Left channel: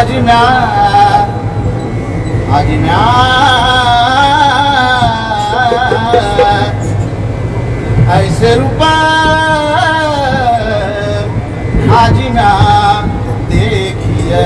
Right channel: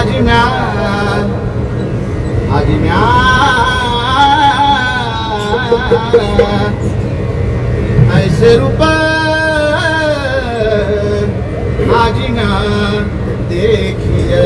आज्ञा आज्ञा ऐसे रूपा आज्ञा देखिए.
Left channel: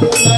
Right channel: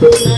Thank you.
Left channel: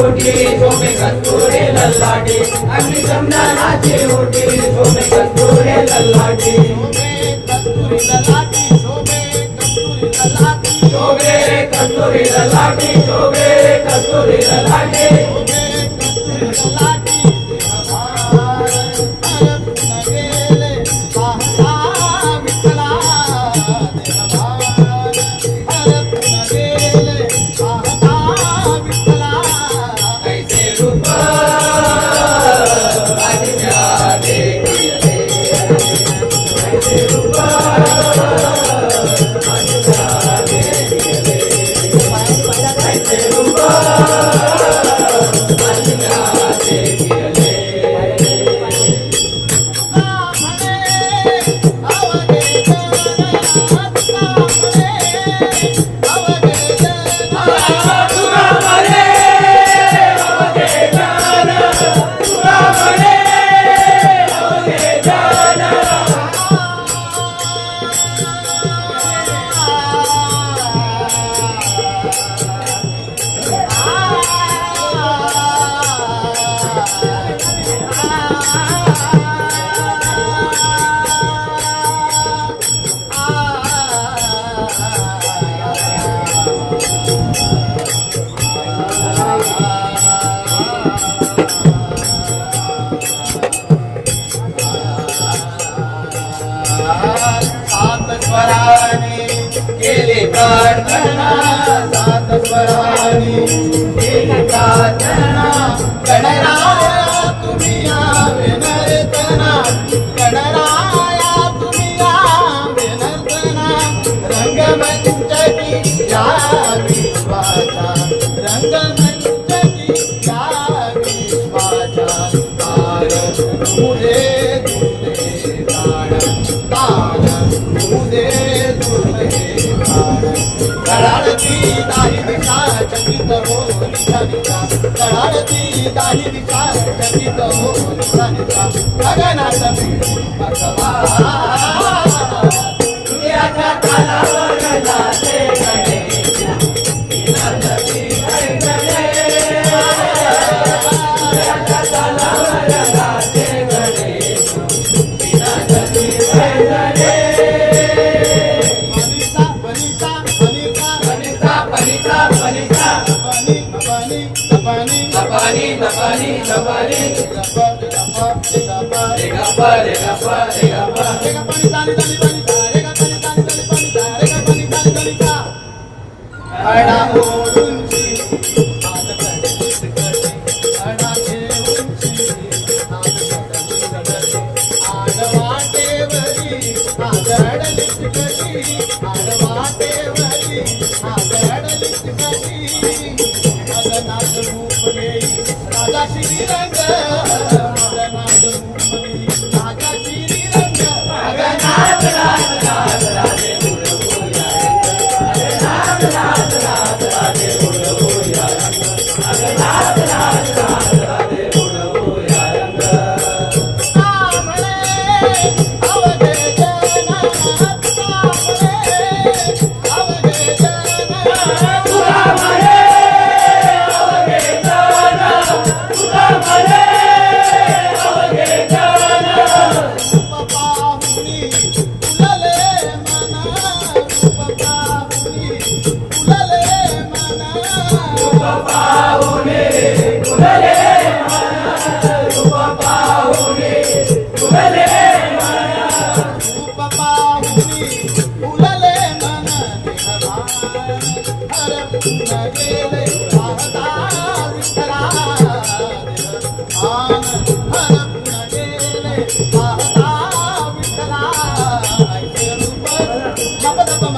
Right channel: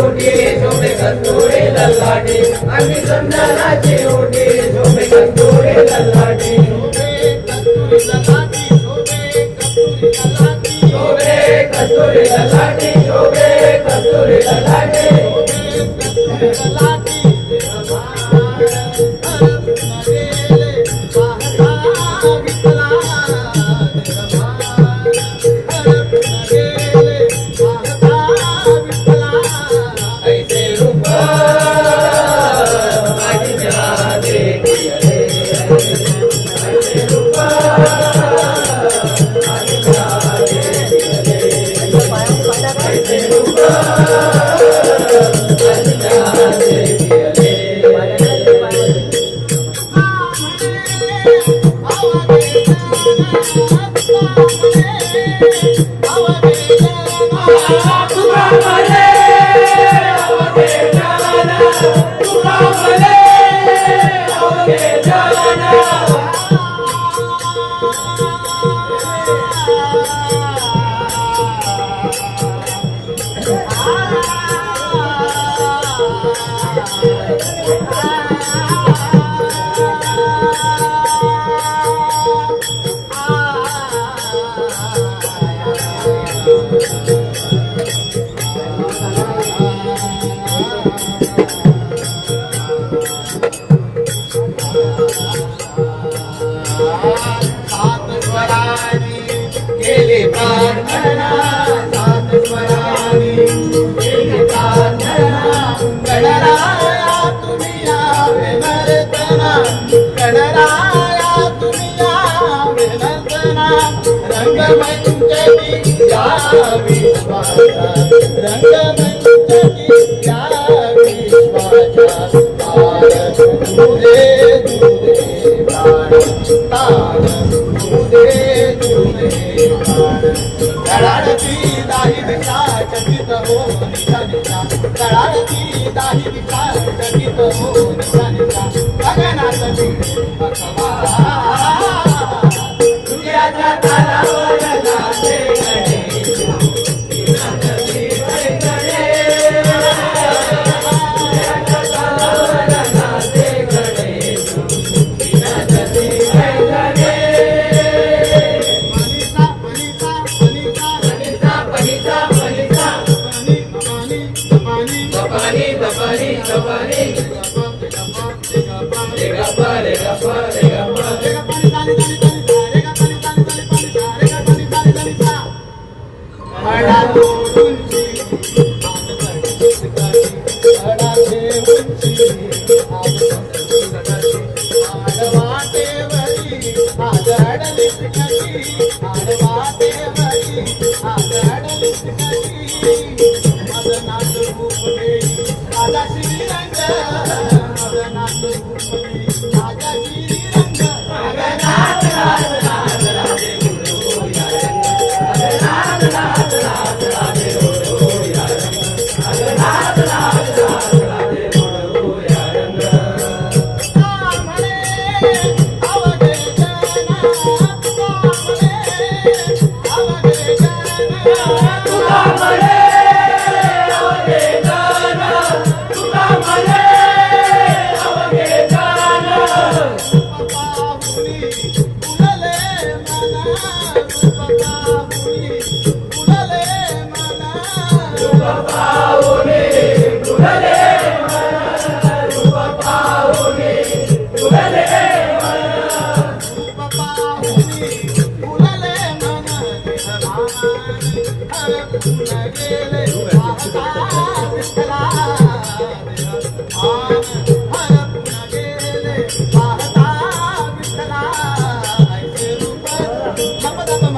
ओटे सोमे कंदोरे लल्लाटे। अग्नि चंदनाचे ओटे सोमे कंदोरे लल्लाटे। सोमे कंदोरे लल्लाटे सोमे ఇది కాదు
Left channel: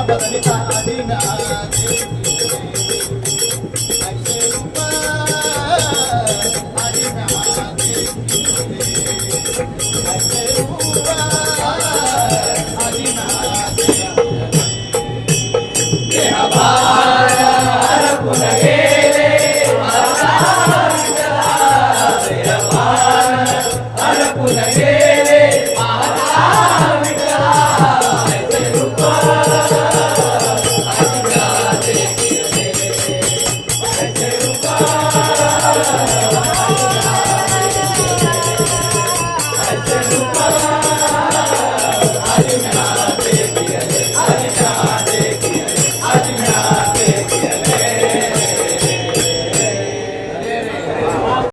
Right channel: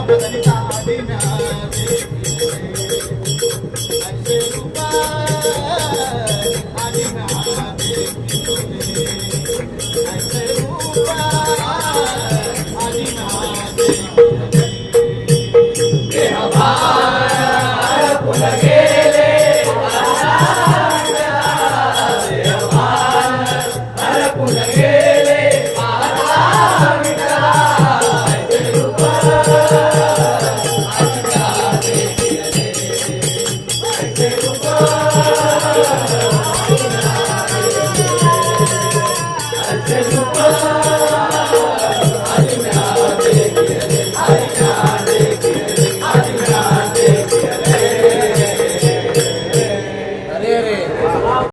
Thank you.